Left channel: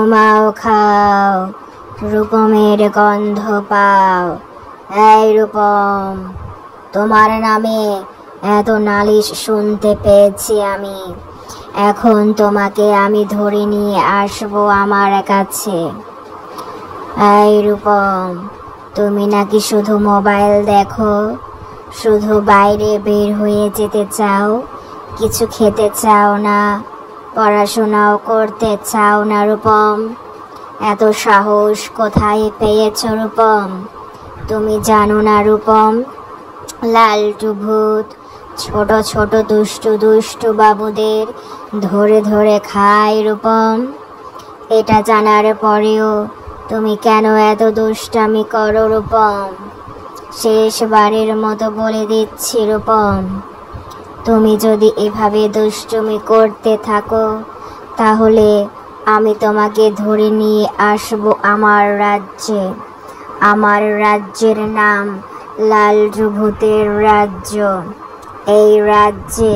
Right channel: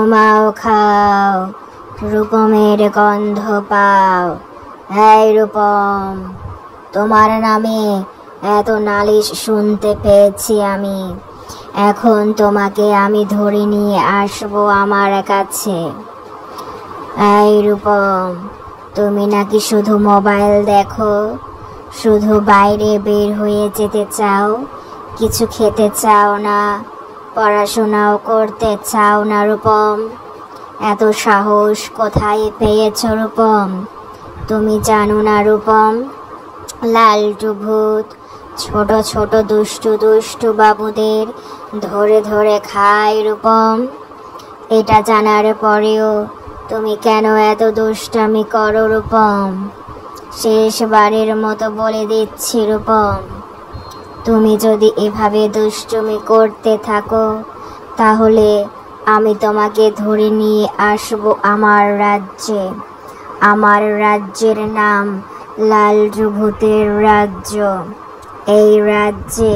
তোমাও খাও, রূপমের গন্ধ পাও। এই রূপম, তোমার নামে এত নালিশ শুনতে পেয়েছি আমি। এখন তোমাকে আমি ধরে নিয়ে আসবো আমার কাছে। এই রূপম, তুমি নাকি শুধু মোবাইল দেখো, শুধু বাইরে বের হয়ে যেতে চাও, কিছু খেতে চাও না, পড়াশোনাও করতে চাও না রূপম। এত সাহস কোথায় পেয়েছ রূপম? তুমি জানো না রূপম, লালটু ভূত ছোট ছোট দুষ্টু দুষ্টু বাবুদের ধরে ধরে খায় রূপম। এটা জানার পরেও তুমি কেন এত দুষ্টামি করো রূপম? শেষবারের মতো বলে দিচ্ছি রূপম, তুমি যদি এভাবে দুষ্টুমি করতে থাকো তাহলে আমি তোমাকে ধরে নিয়ে আসবো আমার রাজ্যে। আমার রাজ্যের নাম লালটু ভূতের রাজ্য। এই রাজ্যে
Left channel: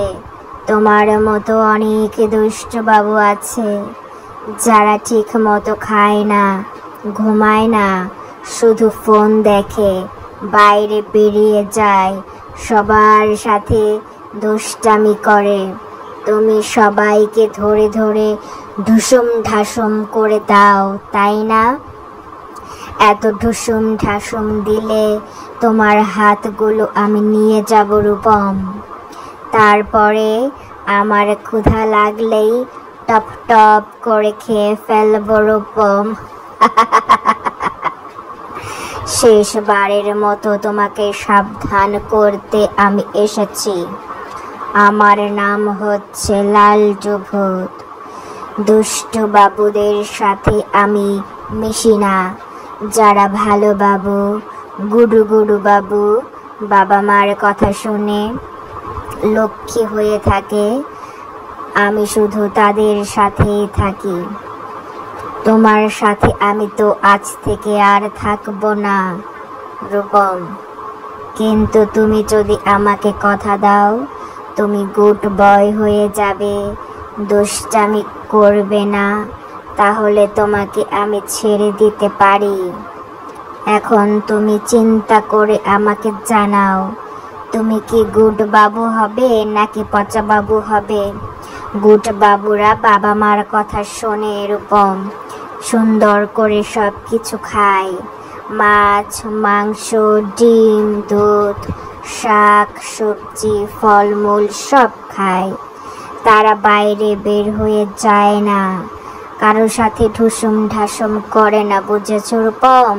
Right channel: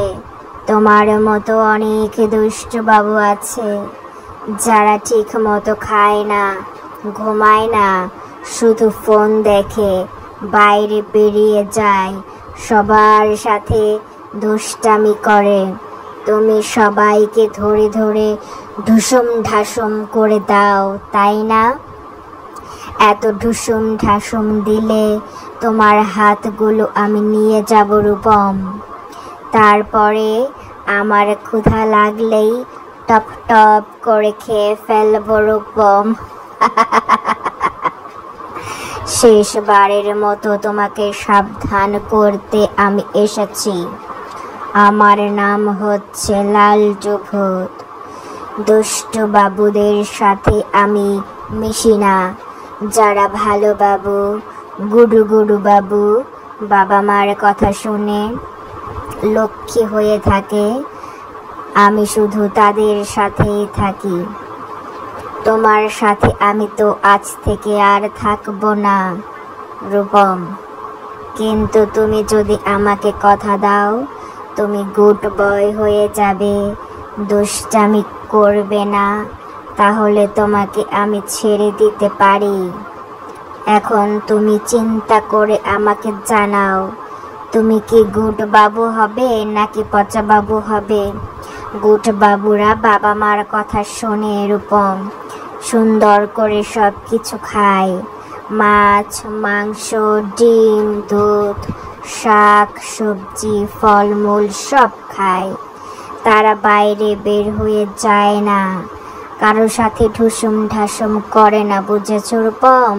তোমার মতো অনেক দুষ্টু বাবু আছে, যারা ঠিক মতো খায় না, ঘুমায় না, শুধু ফোন দেখে, বাইরে বেরিয়ে যায়, সবার সাথে দুষ্টামি করে। তুমি সবাইকে ধরে ধরে ঢুসুম ঢাসুম করে দাও, তাই না? এত ঢুসুম ঢাসুম দিলে তোমার হাতগুলো আমি নিয়ে যাব রূপম। তারপরে আমার ক্ষুধা লাগলেই টপ টপ করে খেয়ে ফেলবো রূপম। শেষবারের মতো তোমাকে সাবধান করতে আমি এসেছি। আমার নাম হচ্ছে লালটু ভূত। দুষ্টু বাবুদের সাথে আমি মিশি না। যারা ভালো বাবু, গুডু গুডু বাবু, বাবা মার কথা শুনে লক্ষ্মী হয়ে থাকে, আমি শুধু তাদের সাথেই থাকি। তোমার সাথে আমি তো আজ থেকে আর থাকবো না রূপম। কিন্তু তুমি যদি আমাকে কথা দাও, তুমি গুড বয় হয়ে যাবে, দুষ্টামি করবে না, তাহলে তোমাকে আমি ছেড়ে দিতে পারি। এখন তুমি চিন্তা করে আমাকে জানাও, তুমি কি গুড বাবু হবে নাকি পচা বাবু হবে? গুড বাবুরা বাবা মার কথা শোনে রূপম, সুন্দর করে সব কিছু খায়, মাছ, মাংস, ডিম, দুধ, শাক, সবজি, ফলমূল সব খায়। তারা বাইরে বের হয়ে যায় না, কারোর সাথে ঢুসুম ঢাসুম করে না, বুঝেছো রূপম?